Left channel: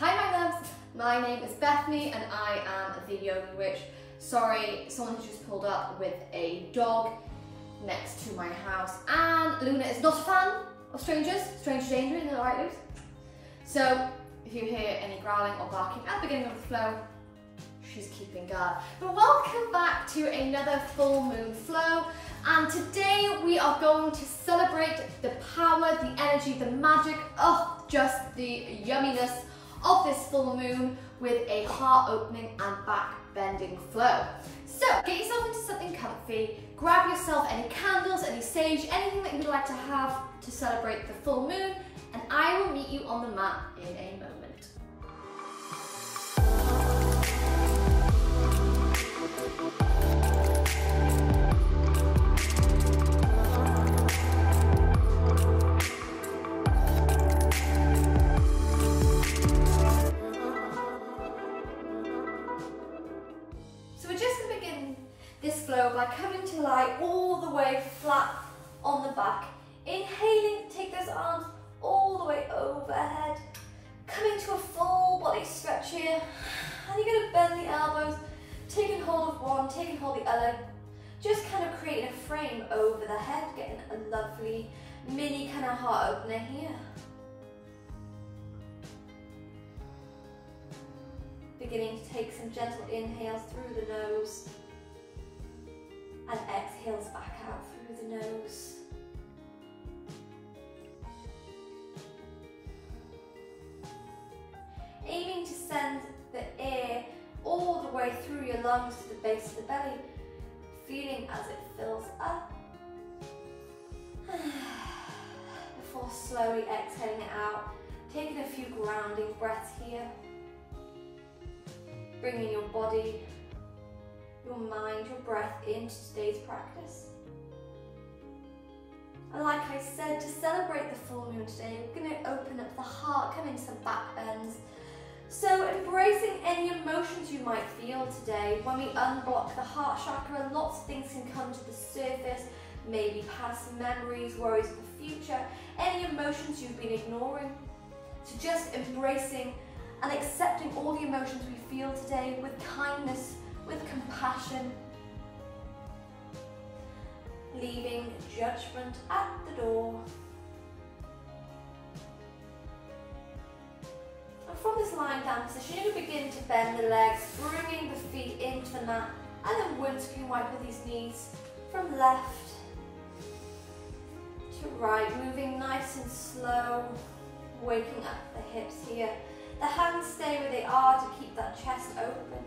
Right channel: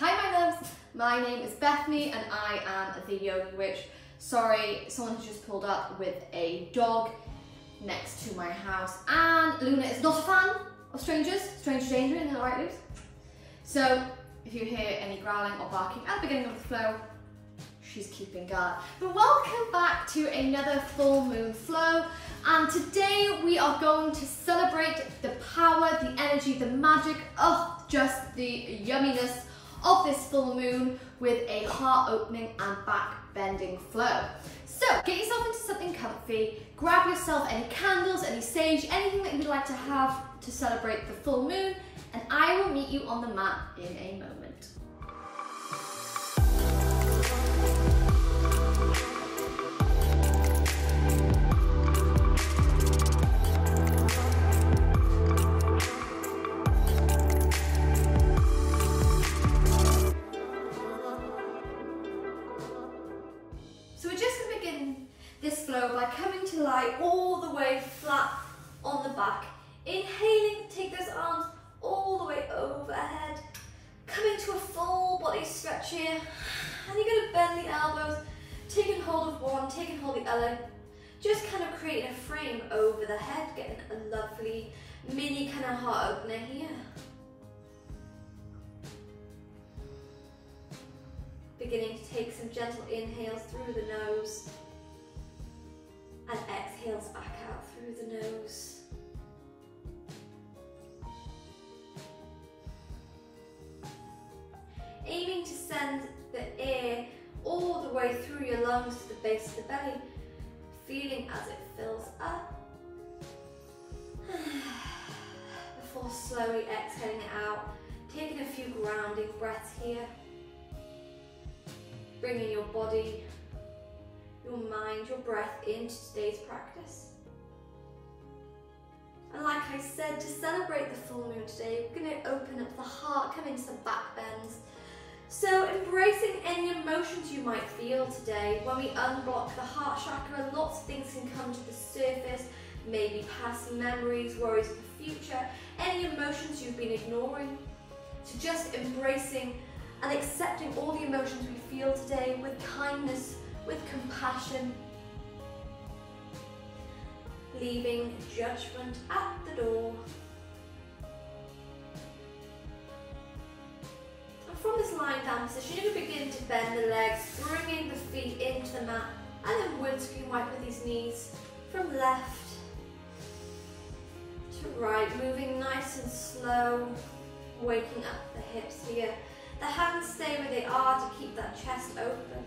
Hi my loves, my name is Bethany and I am the Yogi Witch. Sorry, someone has just pulled up with a dog next to my house and Luna is not a fan of strangers. Stranger danger, isn't that right, Luz? So if you hear any growling or barking at the beginning of the flow, she's keeping guard. But welcome back to another full moon flow, and today we are going to celebrate the power, the energy, the magic of just the yumminess of this full moon with a heart opening and back bending flow. So get yourself into something comfy, grab yourself any candles, any sage, anything that you'd like to have to celebrate the full moon, and I will meet you on the mat in a moment. This flow by coming to lie all the way flat on the back. Inhaling, take those arms all the way overhead. Coming to a full body stretch here. And you're going to bend the elbows, taking hold of one, taking hold of the other. Just kind of creating a frame over the head, getting a lovely mini kind of heart opener here. Beginning to take some gentle inhales through the nose. And exhales back out through the nose. Aiming to send the air all the way through your lungs to the base of the belly, feeling as it fills up. Before slowly exhaling it out, taking a few grounding breaths here. Bringing your body, your mind, your breath into today's practice. And like I said, to celebrate the full moon today, we're going to open up the heart, come into some back bends. So embracing any emotions you might feel today. When we unblock the heart chakra, lots of things can come to the surface, maybe past memories, worries of the future, any emotions you've been ignoring. So just embracing and accepting all the emotions we feel today with kindness, with compassion, leaving judgment at the door. And from this lying down position, you're going to begin to bend the legs, bringing the feet into the mat, and then windscreen wipe with these knees from left to right, moving nice and slow, waking up the hips here. The hands stay where they are to keep that chest open.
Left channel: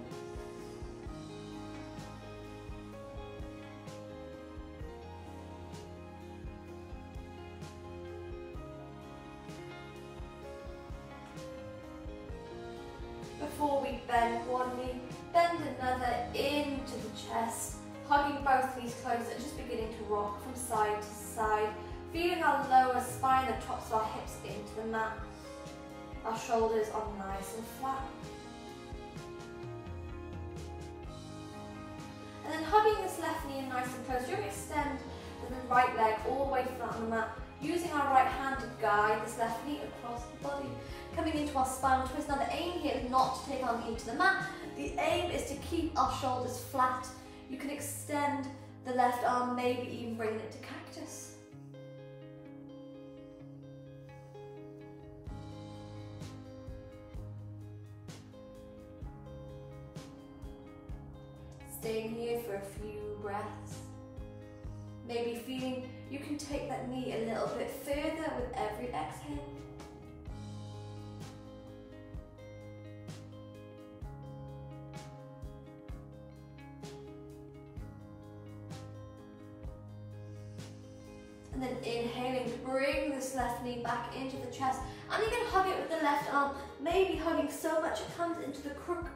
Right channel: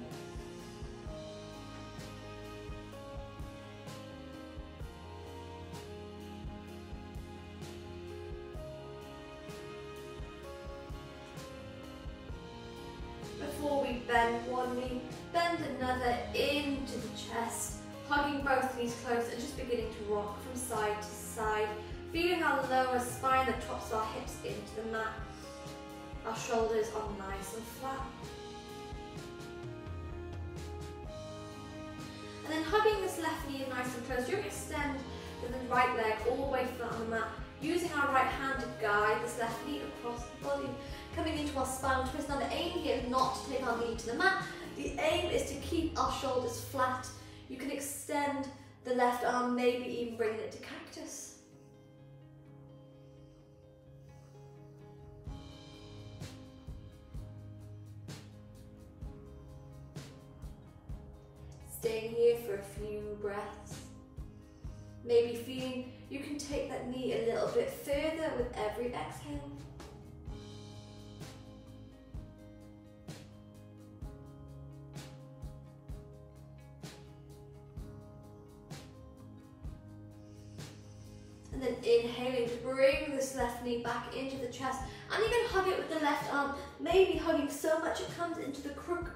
Before we bend one knee, bend another into the chest, hugging both knees close and just beginning to rock from side to side, feeling our lower spine, the tops of our hips into the mat. Our shoulders are nice and flat. And then hugging this left knee in nice and close, you're going to extend the right leg all the way flat on the mat, using our right hand to guide this left knee across the body. Coming into our spinal twist. Now the aim here is not to take our knee to the mat. The aim is to keep our shoulders flat. You can extend the left arm, maybe even bring it to cactus. Staying here for a few breaths. Maybe feeling you can take that knee a little bit further with every exhale. And then inhaling to bring this left knee back into the chest, and you can hug it with the left arm, maybe hugging so much it comes into the crook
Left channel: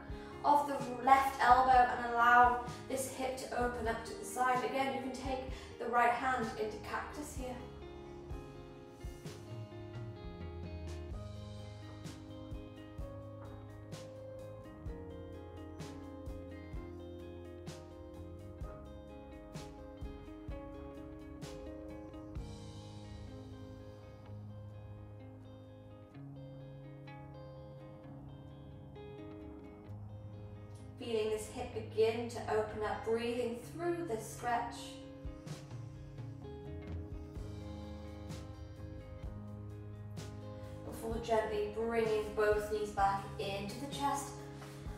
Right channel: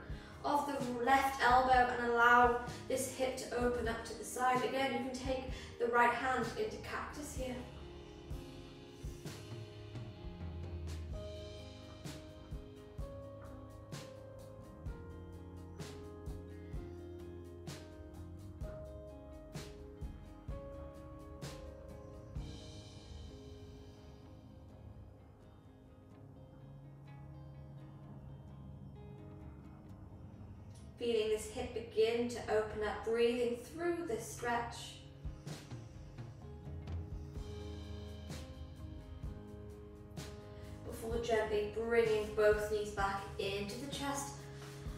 of the left elbow and allow this hip to open up to the side. Again, you can take the right hand into cactus here. feeling this hip begin to open up, breathing through this stretch. Before gently bringing both knees back into the chest.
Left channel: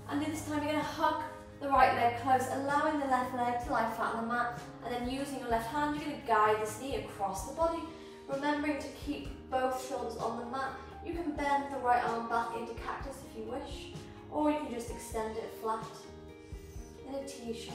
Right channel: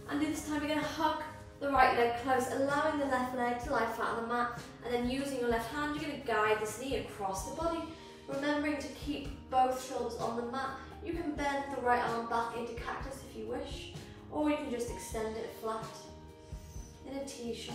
And this time you're going to hug the right leg close, allowing the left leg to lie flat on the mat, and then using your left hand, you're going to guide this knee across the body, remembering to keep both shoulders on the mat. You can bend the right arm back into cactus if you wish, or you can just extend it flat in a T shape.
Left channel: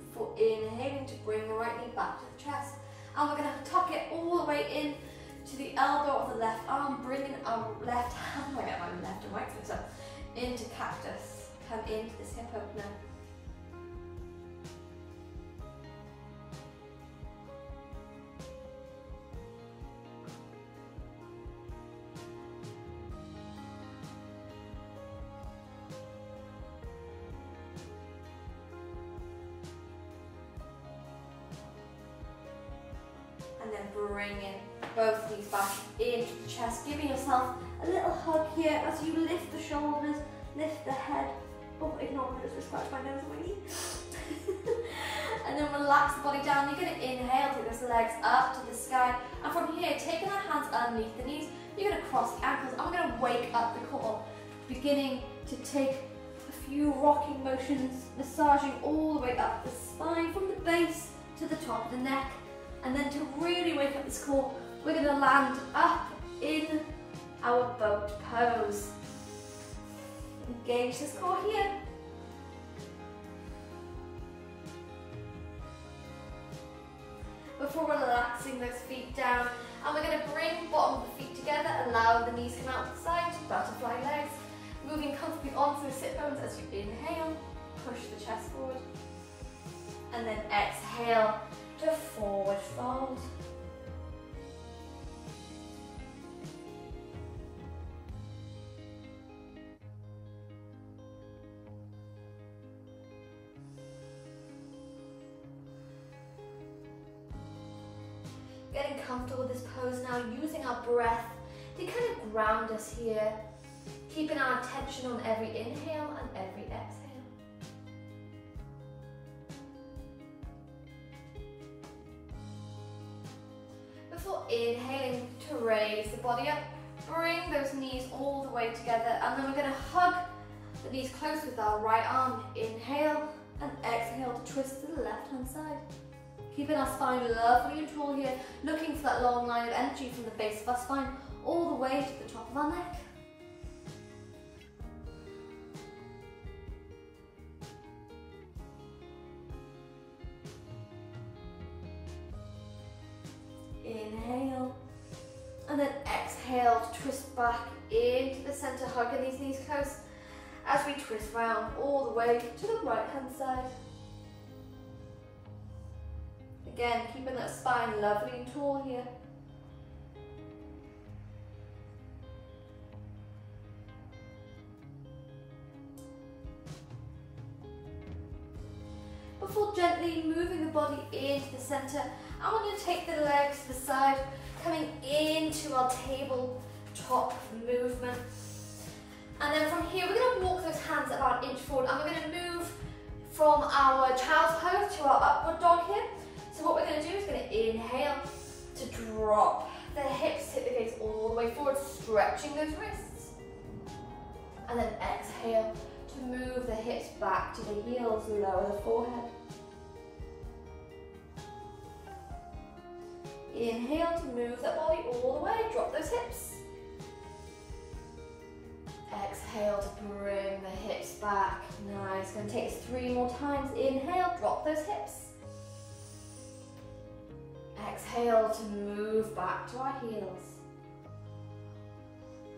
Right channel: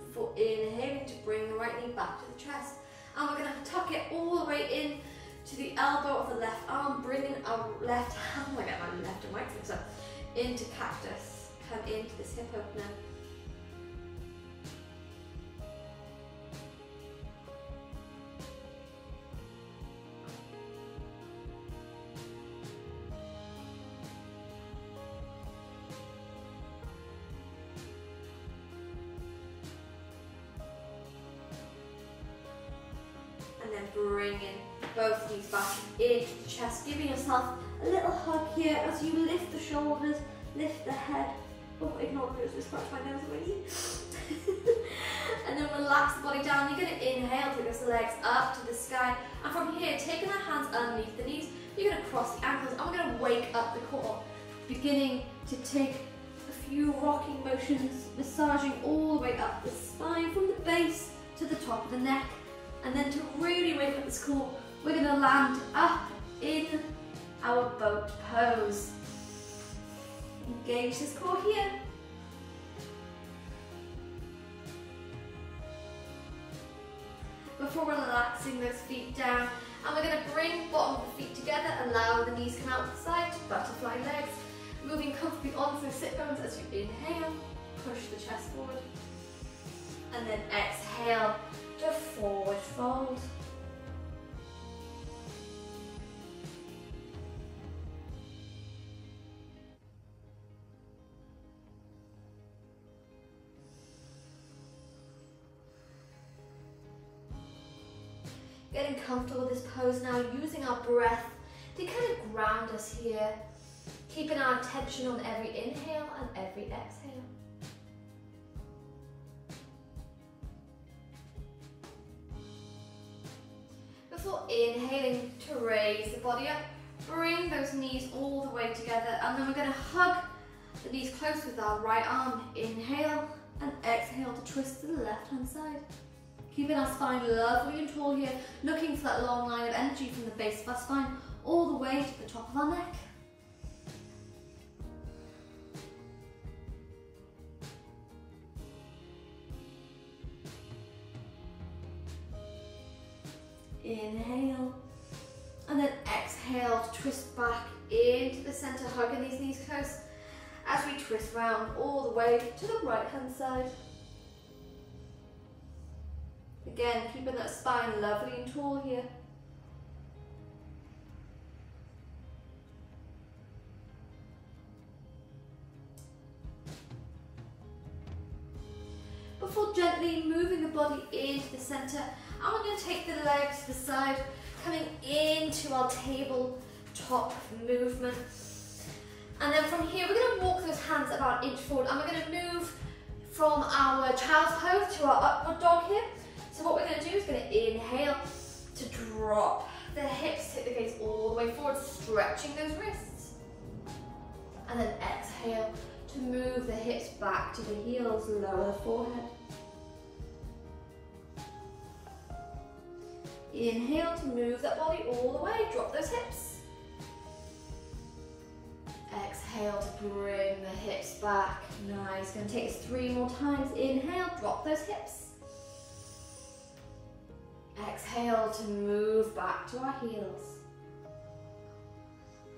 Before inhaling to bring the right knee back to the chest, and we're going to tuck it all the way in to the elbow of the left arm, bringing our left hand, I get my left and right so into cactus. Come into this hip opener. And then bringing both knees back into the chest, giving yourself a little hug here as you lift the shoulders, lift the head. Oh, ignore me, just scratch my nose away. And then relax the body down. You're going to inhale, take the legs up to the sky. And from here, taking our hands underneath the knees, you're going to cross the ankles. And we're going to wake up the core, beginning to take a few rocking motions, massaging all the way up the spine from the base to the top of the neck. And then to really wake up this core, we're going to land up in our boat pose. Engage this core here. Before relaxing those feet down, and we're going to bring bottom of the feet together, allow the knees come out to the side to butterfly legs, moving comfortably onto the sit bones as you inhale, push the chest forward, and then exhale to forward fold. Getting comfortable with this pose now, using our breath to kind of ground us here, keeping our attention on every inhale and every exhale. Before inhaling to raise the body up, bring those knees all the way together, and then we're going to hug the knees close with our right arm. Inhale and exhale to twist to the left hand side. Keeping our spine lovely and tall here, looking for that long line of energy from the base of our spine all the way to the top of our neck. Inhale, and then exhale to twist back into the center, hugging these knees close as we twist round all the way to the right hand side. Again, keeping that spine lovely and tall here. Before gently moving the body into the center, I want you to take the legs to the side, coming into our tabletop movement. And then from here, we're going to walk those hands about an inch forward, and we're going to move from our child's pose to our upward dog here. So what we're going to do is going to inhale to drop the hips, tip the gaze all the way forward, stretching those wrists. And then exhale to move the hips back to the heels, lower the forehead. Inhale to move that body all the way, drop those hips. Exhale to bring the hips back. Nice, going to take us 3 more times. Inhale, drop those hips. Exhale to move back to our heels.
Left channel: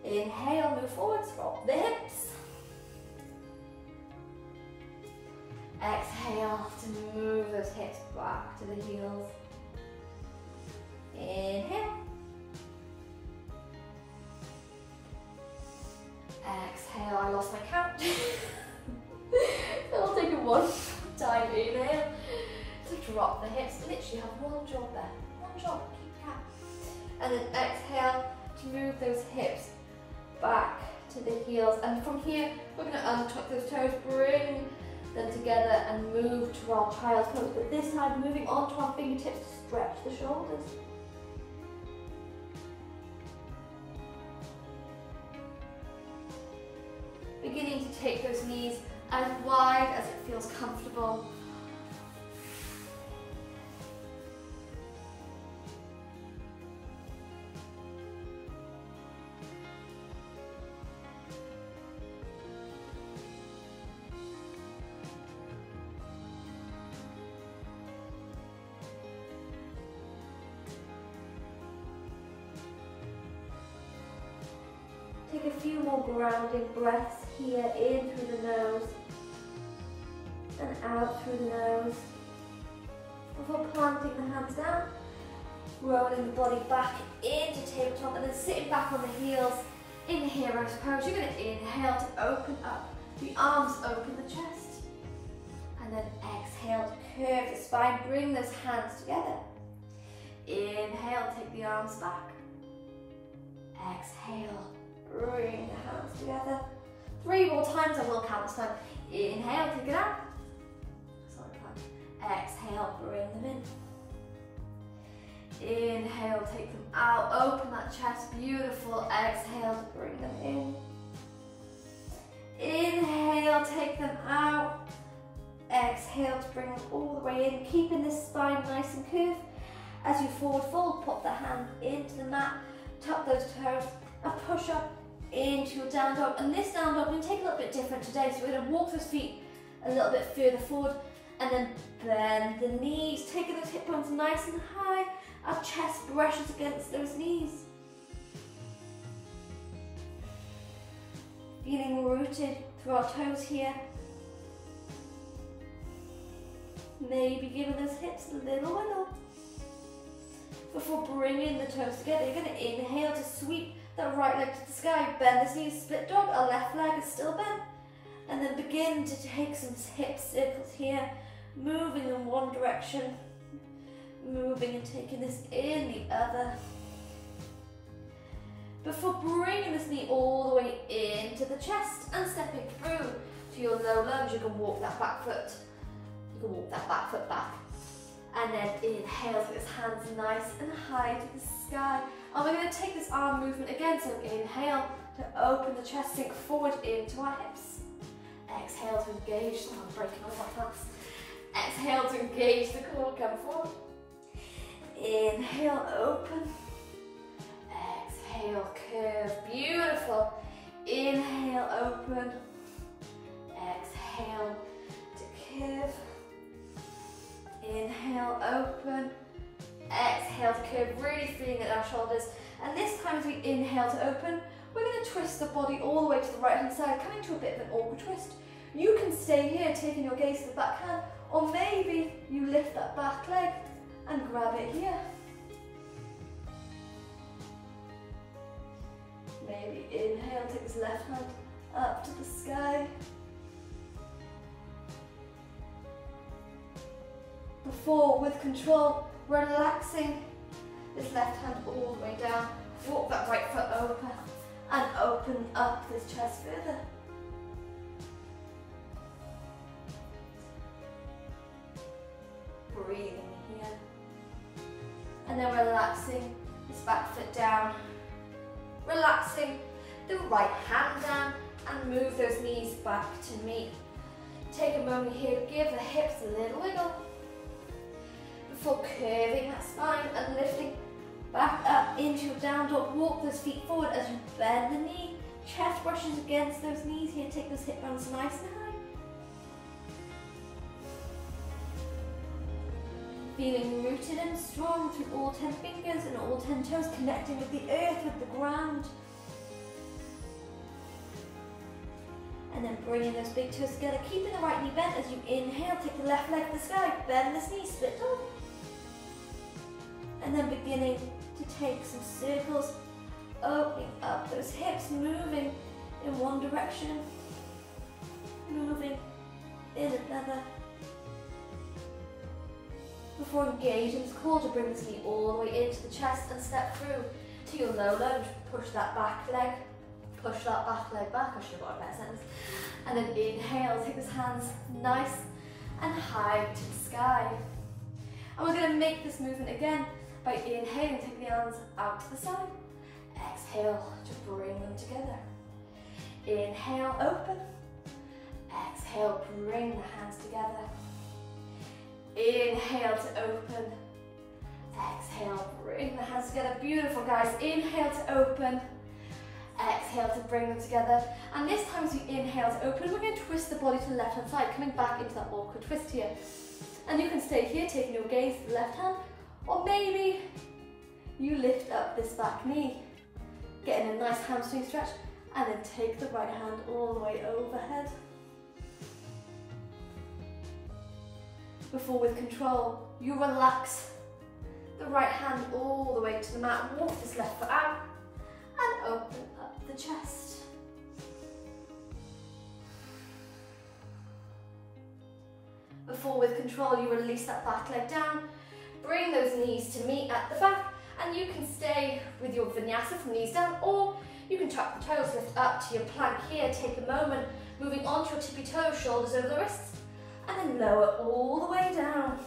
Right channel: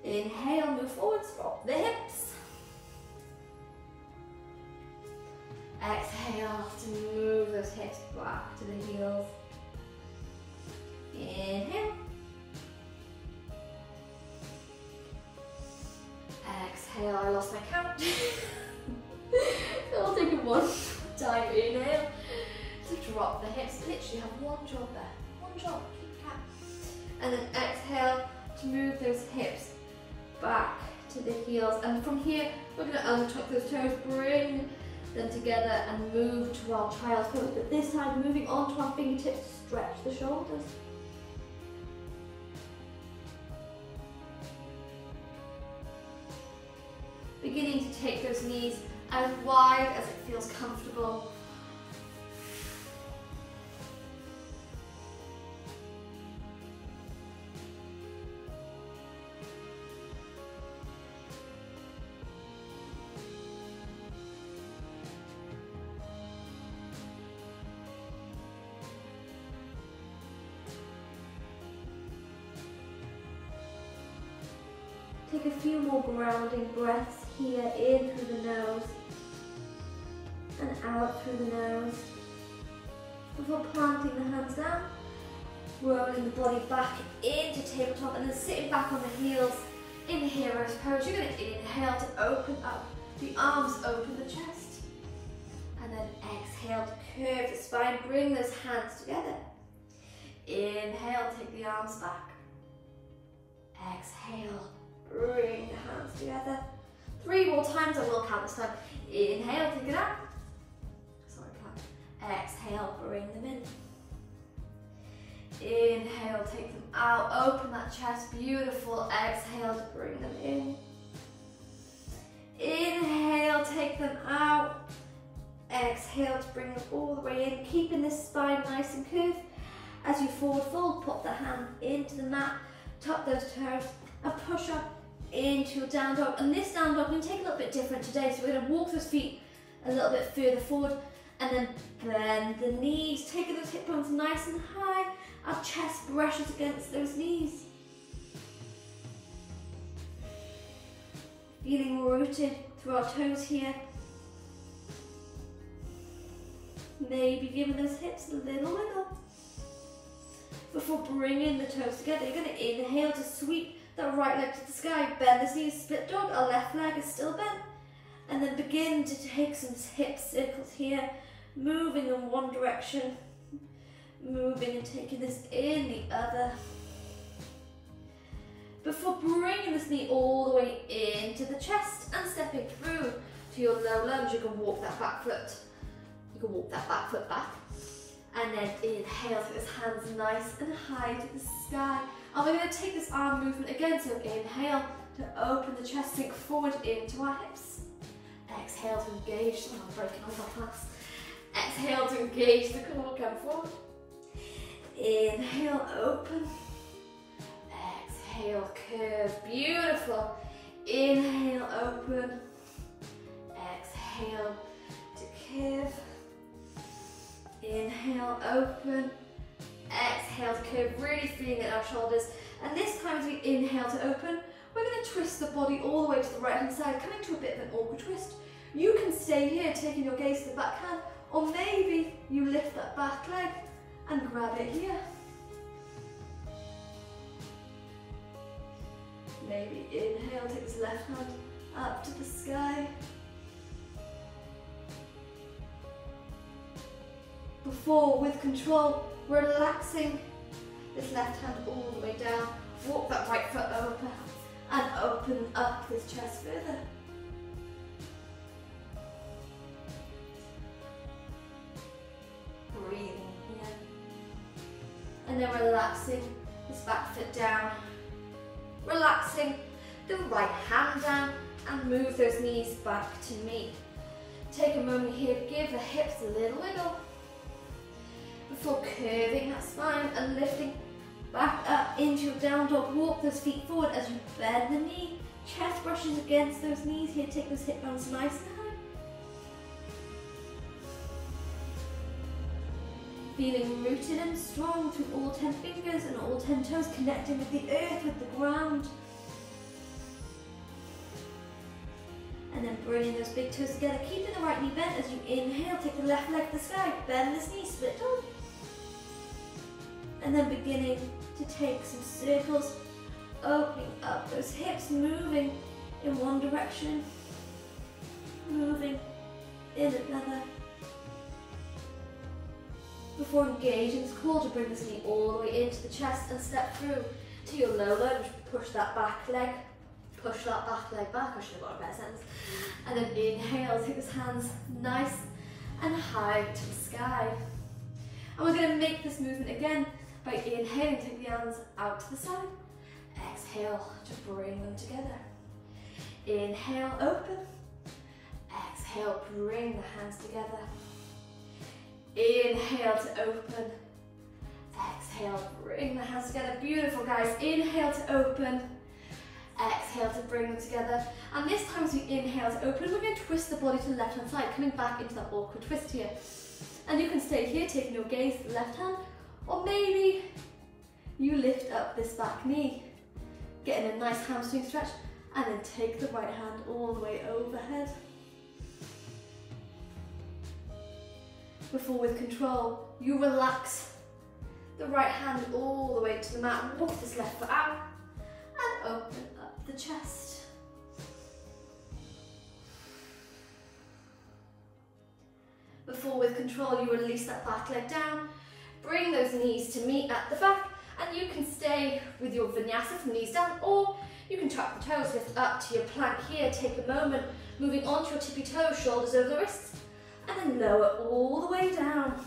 Inhale, move forward, drop the hips. Exhale to move those hips back to the heels. Inhale. Exhale, I lost my count. So I'll take it one time. Inhale to drop the hips. Literally have one job there. One job, keep count. And then exhale to move those hips back to the heels. And from here, we're going to untuck those toes, bring them together and move to our child's pose. But this time, moving onto our fingertips to stretch the shoulders. Beginning to take those knees as wide as it feels comfortable. Take a few more grounding breaths here, in through the nose and out through the nose. Before planting the hands down, rolling the body back into tabletop and then sitting back on the heels in the hero's pose. You're going to inhale to open up the arms, open the chest. And then exhale to curve the spine, bring those hands together. Inhale, take the arms back. Exhale. Bring the hands together. 3 more times, I will count this time. Inhale, take it out. Sorry, plan. Exhale, bring them in. Inhale, take them out. Open that chest, beautiful. Exhale to bring them in. Inhale, take them out. Exhale to bring them all the way in. Keeping this spine nice and curved. As you forward fold, pop the hand into the mat. Tuck those toes and push up into your down dog. And this down dog, we're going to take a little bit different today. So we're going to walk those feet a little bit further forward and then bend the knees, taking those hip bones nice and high. Our chest brushes against those knees. Feeling rooted through our toes here. Maybe giving those hips a little wiggle. Before bringing the toes together, you're going to inhale to sweep that right leg to the sky, bend the knees, split dog, our left leg is still bent. And then begin to take some hip circles here, moving in one direction, moving and taking this in the other. Before bringing this knee all the way into the chest and stepping through to your low lunge, you can walk that back foot. You can walk that back foot back. And then inhale, take those hands nice and high to the sky. And we're going to take this arm movement again, so inhale to open the chest, sink forward into our hips. Exhale to engage, I'm breaking off our fast. Exhale to engage the core, come forward. Inhale, open. Exhale, curve, beautiful. Inhale, open. Exhale to curve. Inhale, open. Exhale to curve, really feeling our shoulders. And this time as we inhale to open, we're going to twist the body all the way to the right hand side, coming to a bit of an awkward twist. You can stay here, taking your gaze to the back hand, or maybe you lift that back leg and grab it here. Maybe inhale, take this left hand up to the sky. Before, with control, relaxing this left hand all the way down. Walk that right foot over and open up this chest further. Breathing here. And then relaxing this back foot down. Relaxing the right hand down and move those knees back to meet. Take a moment here to give the hips a little wiggle. Before curving that spine and lifting back up into your down dog, walk those feet forward as you bend the knee. Chest brushes against those knees here, take those hip bones nice and high. Feeling rooted and strong through all 10 fingers and all 10 toes, connecting with the earth, with the ground. And then bringing those big toes together, keeping the right knee bent as you inhale, take the left leg to the sky, bend this knee, split dog. And then beginning to take some circles, opening up those hips, moving in one direction, moving in another. Before engaging, it's cool to bring this knee all the way into the chest and step through to your low lunge. Push that back leg back. I should have got a better sentence. And then inhale, take those hands nice and high to the sky. And we're going to make this movement again by inhaling, take the arms out to the side. Exhale to bring them together. Inhale, open. Exhale, bring the hands together. Inhale to open. Exhale, bring the hands together. Beautiful, guys. Inhale to open. Exhale to bring them together. And this time as we inhale to open, we're going to twist the body to the left hand side, coming back into that awkward twist here. And you can stay here, taking your gaze to the left hand, or maybe you lift up this back knee, getting a nice hamstring stretch, and then take the right hand all the way overhead. Before, with control, you relax the right hand all the way to the mat, walk this left foot out, and open up the chest. Before, with control, you release that back leg down, bring those knees to meet at the back, and you can stay with your vinyasa from knees down, or you can tuck the toes, lift up to your plank here, take a moment, moving onto your tippy toes, shoulders over the wrists, and then lower all the way down.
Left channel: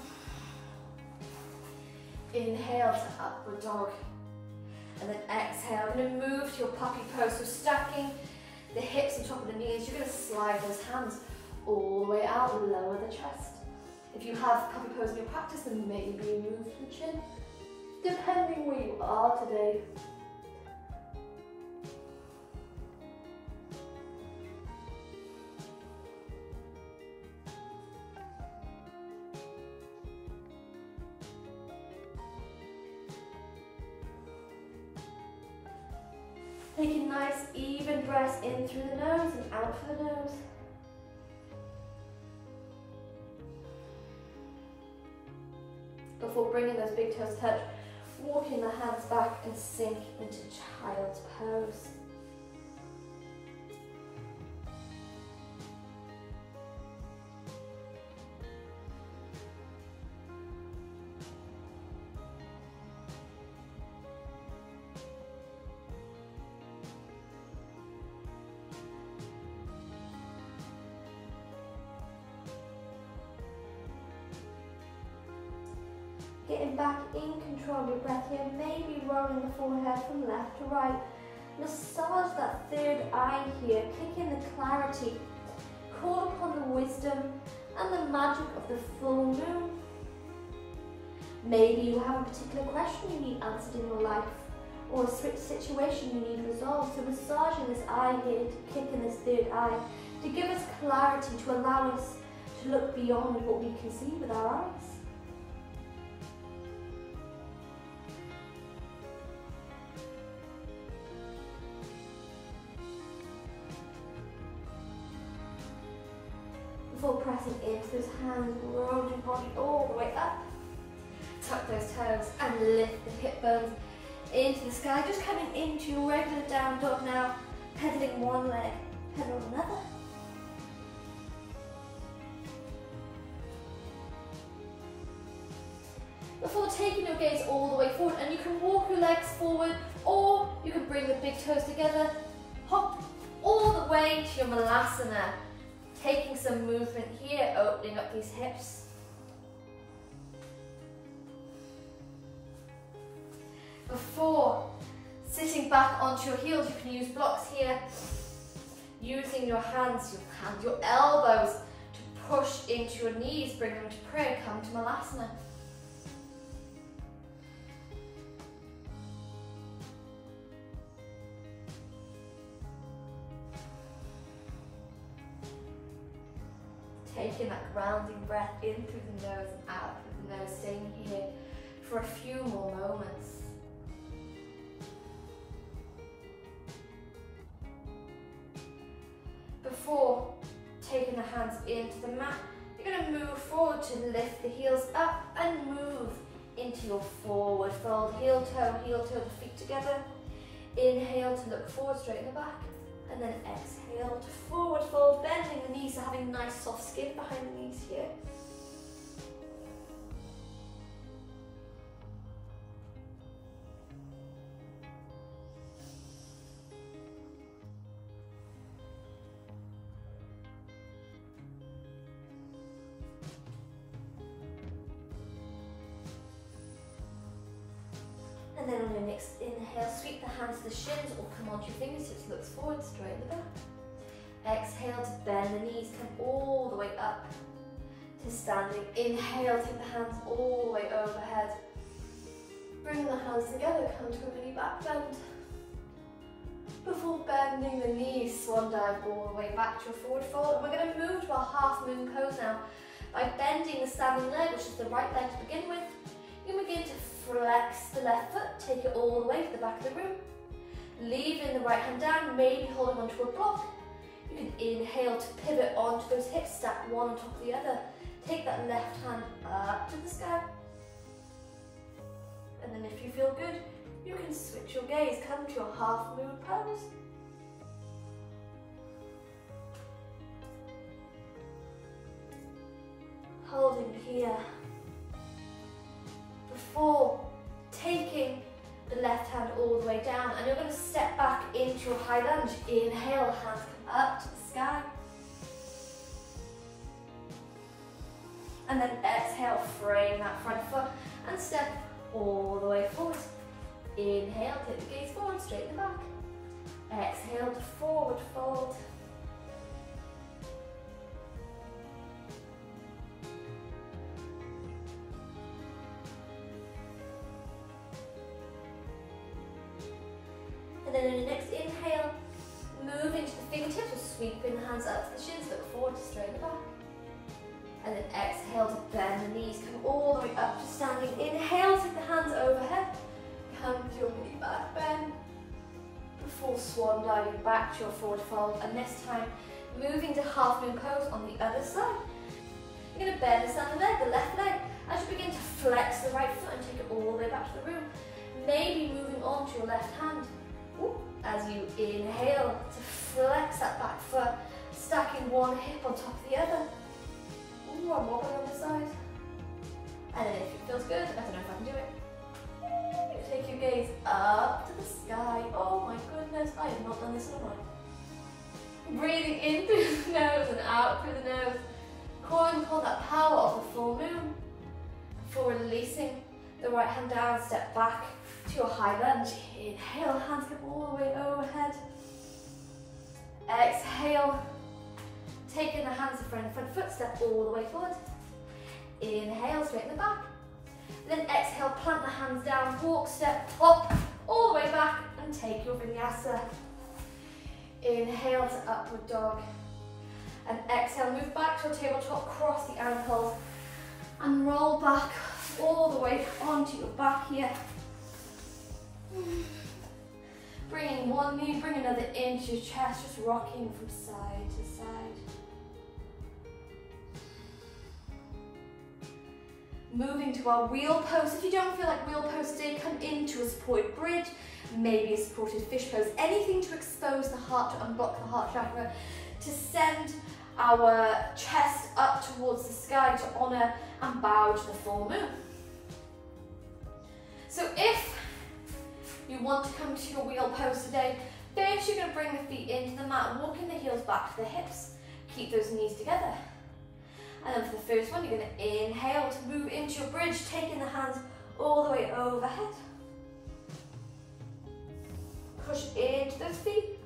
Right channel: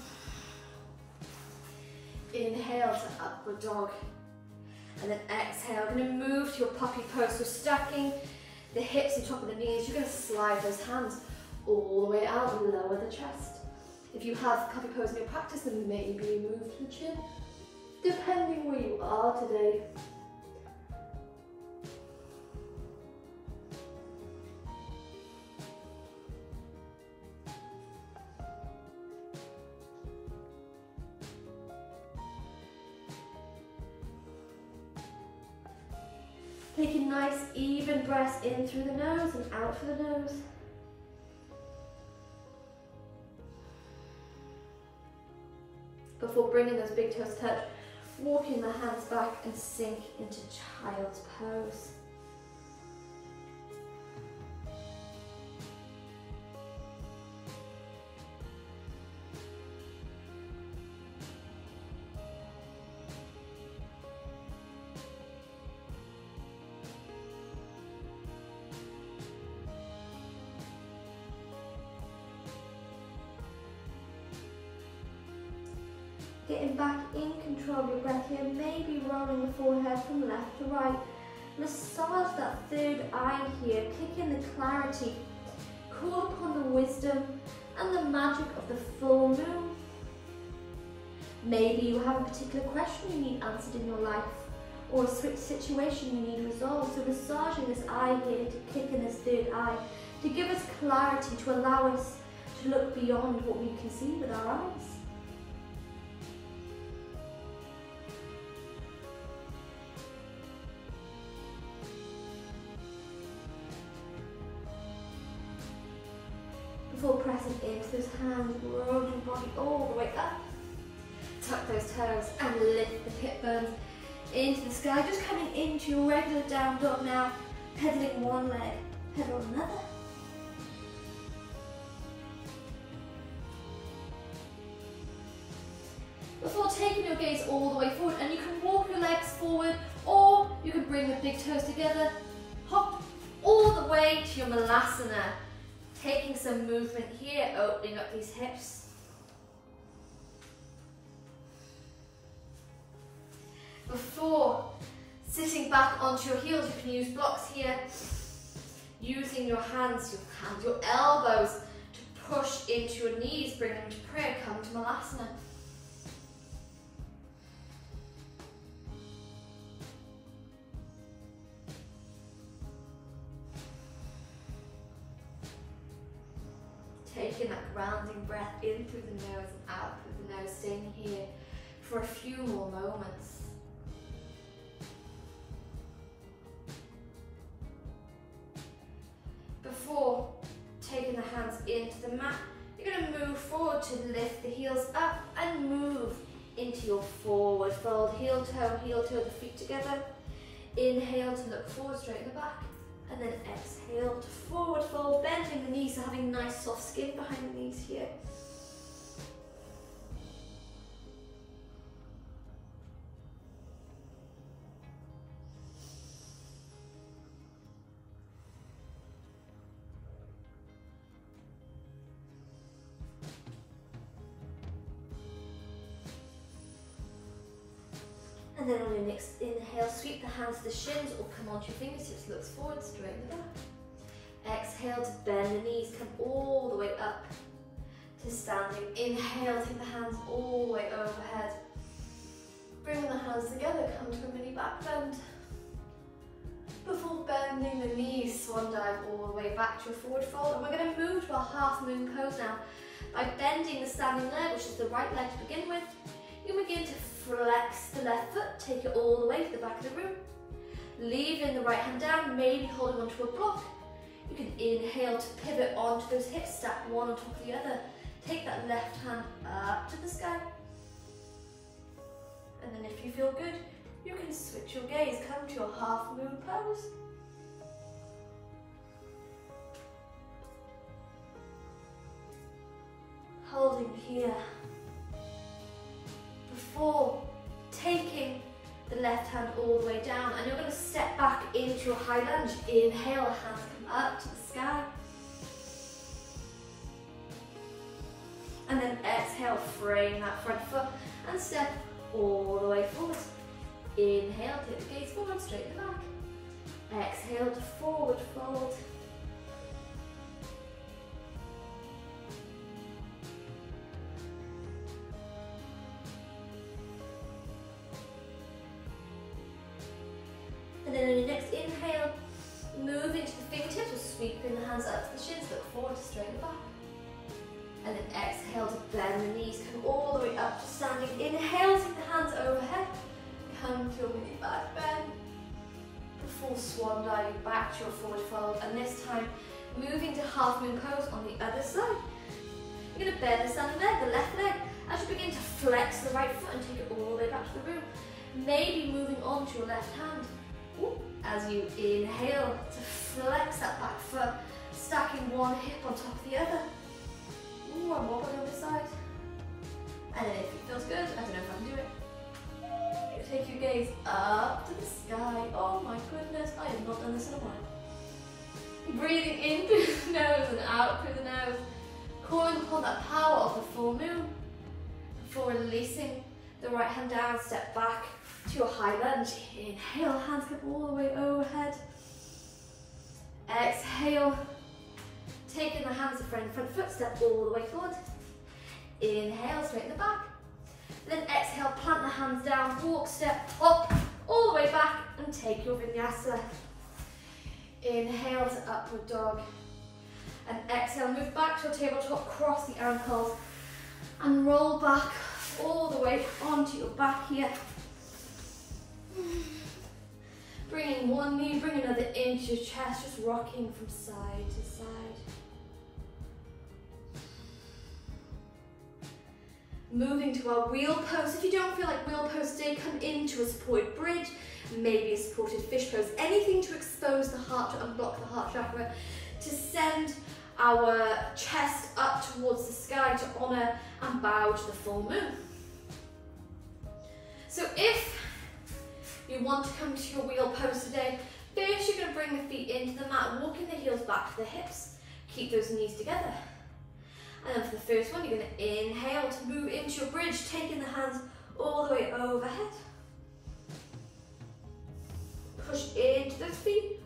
Inhale to upward dog. And then exhale, and then move to your puppy pose. So stacking the hips on top of the knees, you're going to slide those hands all the way out, lower the chest. If you have puppy pose in your practice, then maybe move to the chin, depending where you are today. Taking nice even breaths in through the nose and out through the nose. Before bringing those big toes touch, walking the hands back and sink into child's pose. Getting back in control of your breath here, maybe rolling the forehead from left to right. Massage that third eye here, click in the clarity. Call upon the wisdom and the magic of the full moon. Maybe you have a particular question you need answered in your life, or a situation you need resolved. So massaging this eye here, to kick in this third eye, to give us clarity, to allow us to look beyond what we can see with our eyes. Before pressing into those hands, rolling the body all the way up. Tuck those toes and lift the hip bones into the sky. Just coming into your regular down dog now, pedaling one leg, pedal another. Before taking your gaze all the way forward, and you can walk your legs forward, or you can bring the big toes together, hop all the way to your malasana. Taking some movement here, opening up these hips. Before sitting back onto your heels, you can use blocks here, using your hands, your elbows to push into your knees, bring them to prayer, come to malasana. Taking that grounding breath in through the nose and out through the nose, staying here for a few more moments. before taking the hands into the mat, you're going to move forward to lift the heels up and move into your forward fold. Heel toe, the feet together. Inhale to look forward, straighten the back. And then exhale to forward fold, bending the knees, so having nice soft skin behind the knees here. And then on your next inhale, sweep the hands to the shins or come onto your fingertips, looks forward, straighten the back. Exhale to bend the knees, come all the way up to standing. Inhale, take the hands all the way overhead. Bring the hands together, come to a mini back bend. Before bending the knees, swan dive all the way back to a forward fold. And we're going to move to our half moon pose now. By bending the standing leg, which is the right leg to begin with, you begin to flex the left foot, take it all the way to the back of the room. Leaving the right hand down, maybe holding onto a block. You can inhale to pivot onto those hips, stack one on top of the other. Take that left hand up to the sky. And then if you feel good, you can switch your gaze, come to your half moon pose. Holding here. Before taking the left hand all the way down, and you're going to step back into your high lunge. Inhale, hands come up to the sky. And then exhale, frame that front foot and step all the way forward. Inhale, take the gaze forward, straighten the back. Exhale to forward fold. And then in your next inhale, move into the fingertips or sweeping the hands up to the shins, look forward to straighten the back. And then exhale to bend the knees, come all the way up to standing. Inhale, take the hands overhead, come to your mini back bend. Before swan diving back to your forward fold, and this time moving to half moon pose on the other side. You're going to bend the standing leg, the left leg, as you begin to flex the right foot and take it all the way back to the room. Maybe moving on to your left hand. As you inhale to flex that back foot, stacking one hip on top of the other. I'm wobbling on the side. And then if it feels good, I don't know if I can do it. Take your gaze up to the sky. Oh my goodness, I have not done this in a while. Breathing in through the nose and out through the nose. Calling upon that power of the full moon. Before releasing the right hand down, step back to your high lunge. Inhale, hands come all the way overhead. Exhale, taking the hands in front foot, step all the way forward. Inhale, straighten the back. Then exhale, plant the hands down, walk, step up, all the way back, and take your vinyasa. Inhale to upward dog. And exhale, move back to your tabletop, cross the ankles, and roll back all the way onto your back here. Bringing one knee, bring another into your chest, just rocking from side to side. Moving to our wheel pose. If you don't feel like wheel pose today, come into a supported bridge, maybe a supported fish pose. Anything to expose the heart, to unblock the heart chakra, to send our chest up towards the sky, to honour and bow to the full moon. So if you want to come to your wheel pose today, first you're going to bring the feet into the mat, walking the heels back to the hips. Keep those knees together. And then for the first one, you're going to inhale to move into your bridge, taking the hands all the way overhead. Push into those feet.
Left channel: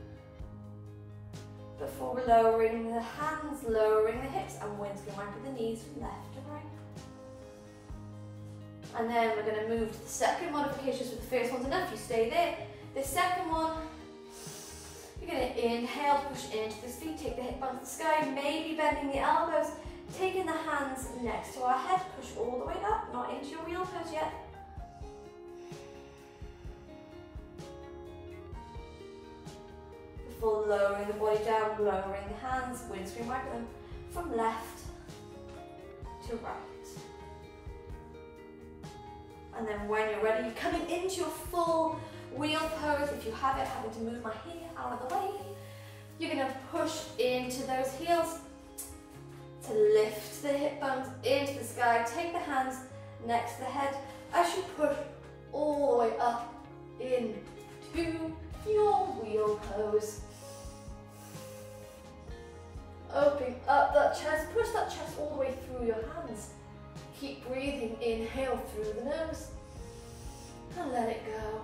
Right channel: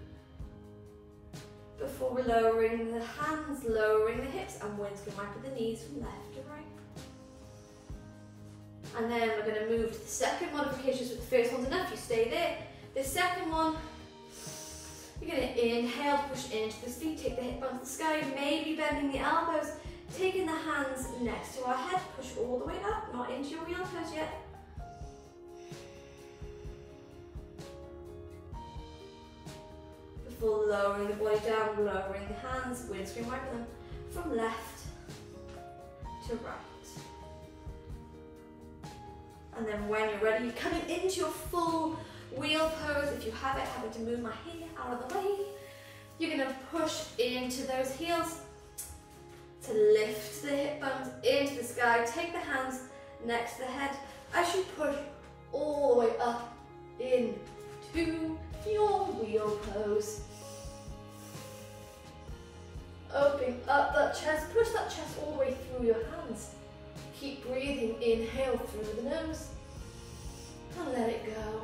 Before we're lowering the hands, lowering the hips, and windscreen wiper the knees from left to right. And then we're going to move to the second modification. So the first one's enough, you stay there. The second one, you're going to inhale, push into the feet, take the hip onto the sky, maybe bending the elbows, taking the hands next to our head, push all the way up, not into your wheel pose yet. before lowering the body down, lowering the hands, windscreen wiper them from left to right. And then when you're ready, you're coming into your full wheel pose. If you have it, having to move my hand out of the way, you're going to push into those heels to lift the hip bones into the sky. Take the hands next to the head as you push all the way up into your wheel pose. Opening up that chest, push that chest all the way through your hands. Keep breathing, inhale through the nose and let it go.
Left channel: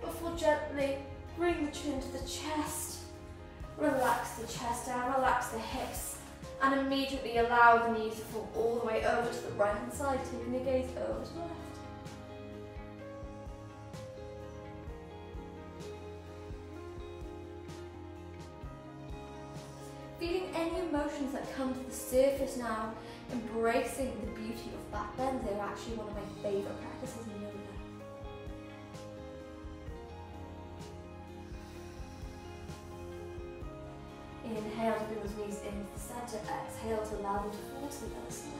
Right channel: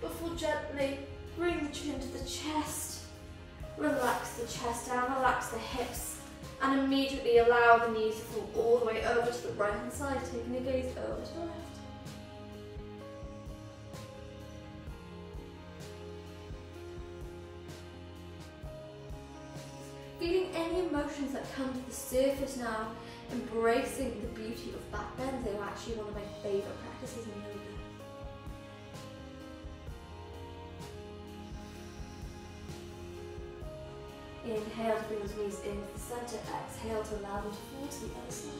Before gently bring the chin to the chest, relax the chest down, relax the hips, and immediately allow the knees to fall all the way over to the right hand side, taking the gaze over to the left. Feeling any emotions that come to the surface now, embracing the beauty of back bends. They're actually one of my favourite practices in yoga. Inhale to bring those knees into the centre, exhale to allow them to fall to the other side.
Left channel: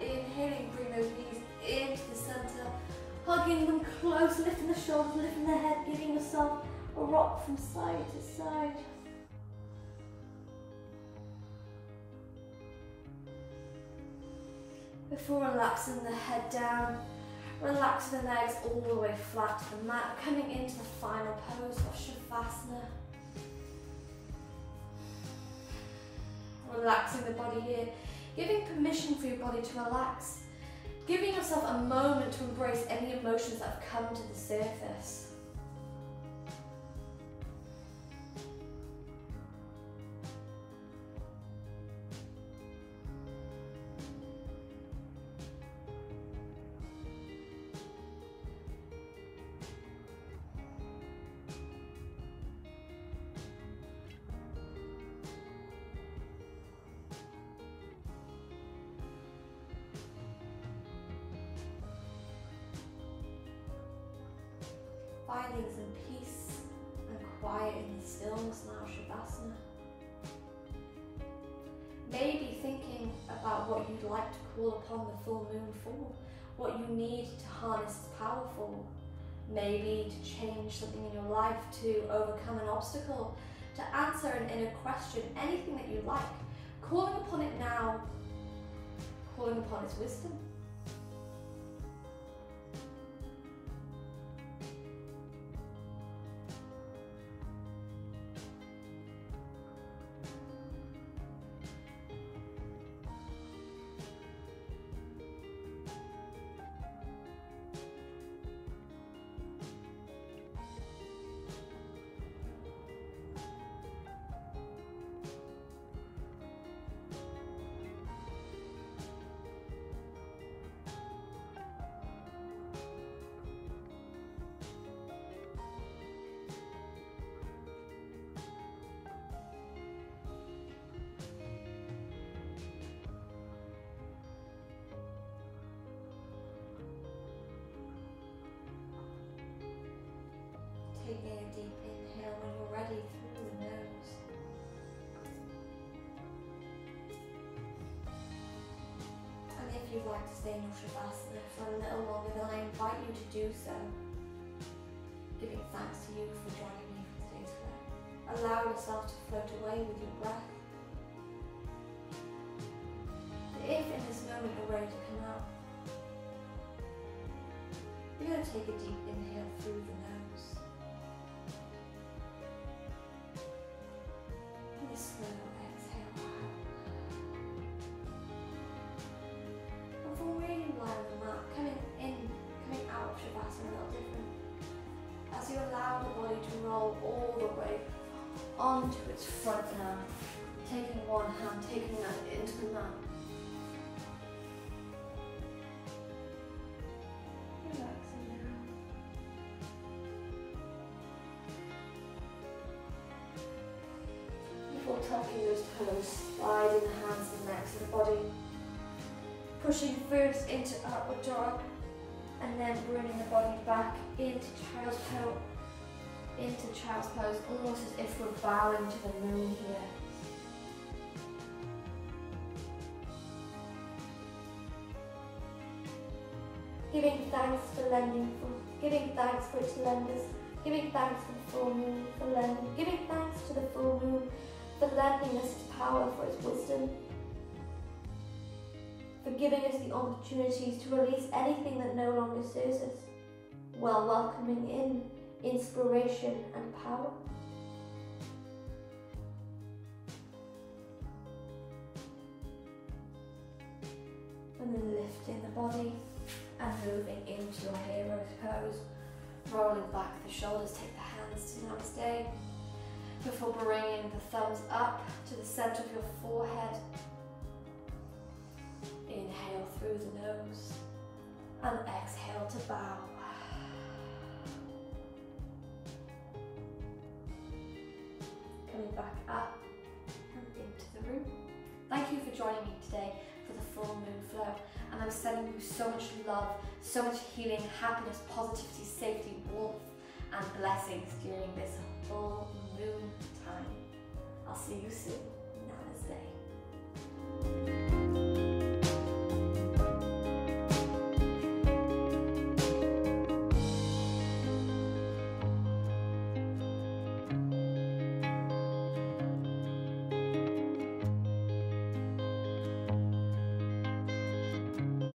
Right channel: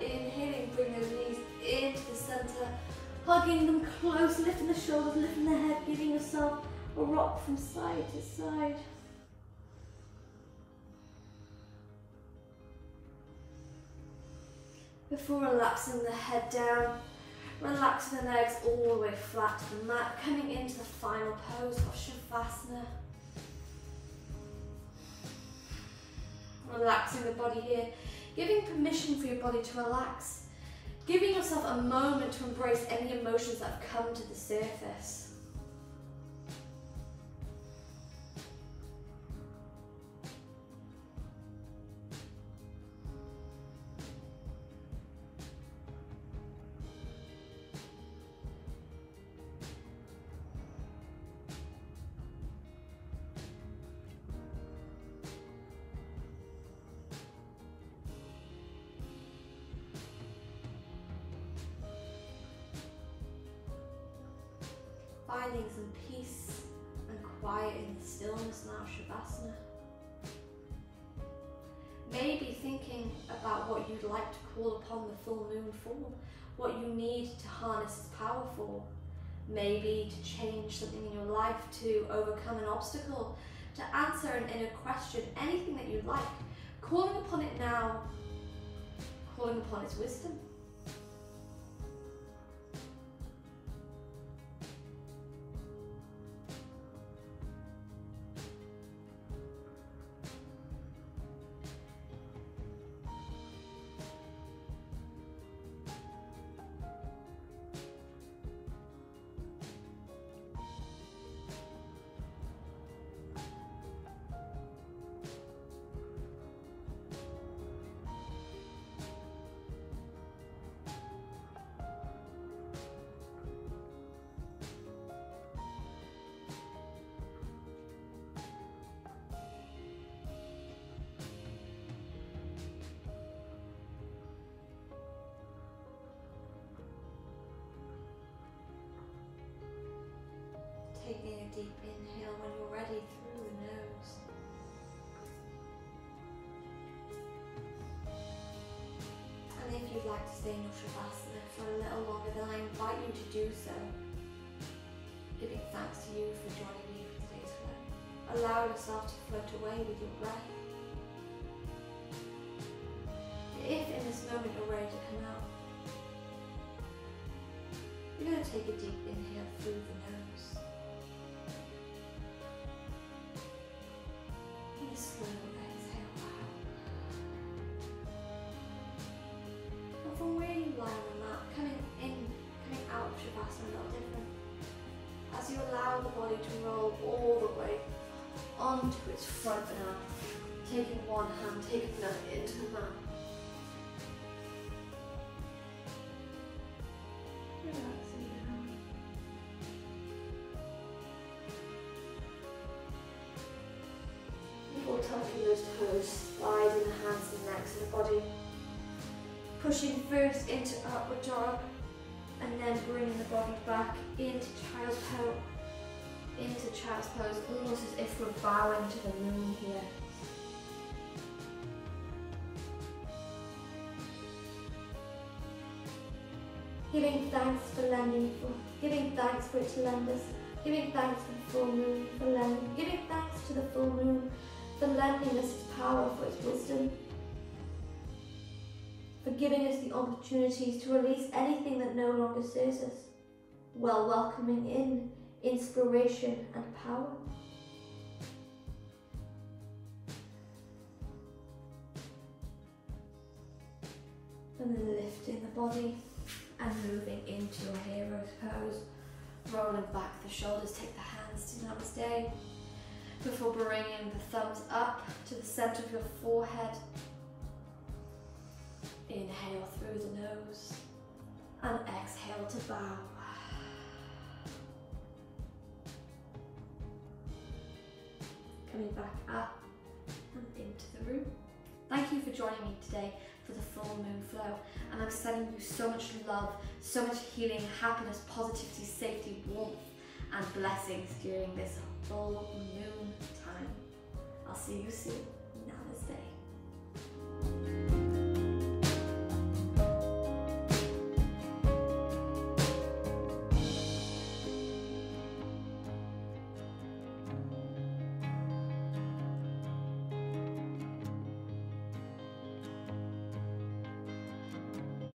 Inhaling, bring those knees into the centre, hugging them close, lifting the shoulders, lifting the head, giving yourself a rock from side to side. Before relaxing the head down, relax the legs all the way flat to the mat, coming into the final pose of Shavasana. Relaxing the body here, giving permission for your body to relax, giving yourself a moment to embrace any emotions that have come to the surface. Finding some peace and quiet in the stillness now, Shavasana. Maybe thinking about what you'd like to call upon the full moon for, what you need to harness its power for. Maybe to change something in your life, to overcome an obstacle, to answer an inner question, anything that you like. Calling upon it now, calling upon its wisdom. Taking a deep inhale when you're ready through the nose. And if you'd like to stay in your Shavasana for a little longer, then I invite you to do so. Giving thanks to you for joining me for today's flow. Allow yourself to float away with your breath. And if in this moment you're ready to come out, you're going to take a deep inhale through the nose. Slow exhale out. And from where you lie on the mat, coming out of Shavasana a little different. As you allow the body to roll all the way onto onto its front now. Taking one hand, taking that into the mat. Relaxing now. Before tucking those toes, sliding the hands and necks of the body. Pushing first into upward dog, and then bringing the body back into child's pose. Into child's pose, almost as if we're bowing to the moon here. Giving thanks for lending, giving thanks for it to lend us, giving thanks for the full moon for lending, giving thanks to the full moon for lending us its power, for its wisdom, for giving us the opportunities to release anything that no longer serves us, while welcoming in inspiration and power. And then lifting the body and moving into your hero's pose. Rolling back the shoulders, take the hands to namaste. Before bringing the thumbs up to the center of your forehead. Inhale through the nose and exhale to bow. Coming back up and into the room. Thank you for joining me today for the full moon flow, and I'm sending you so much love, so much healing, happiness, positivity, safety, warmth and blessings during this full moon time. I'll see you soon.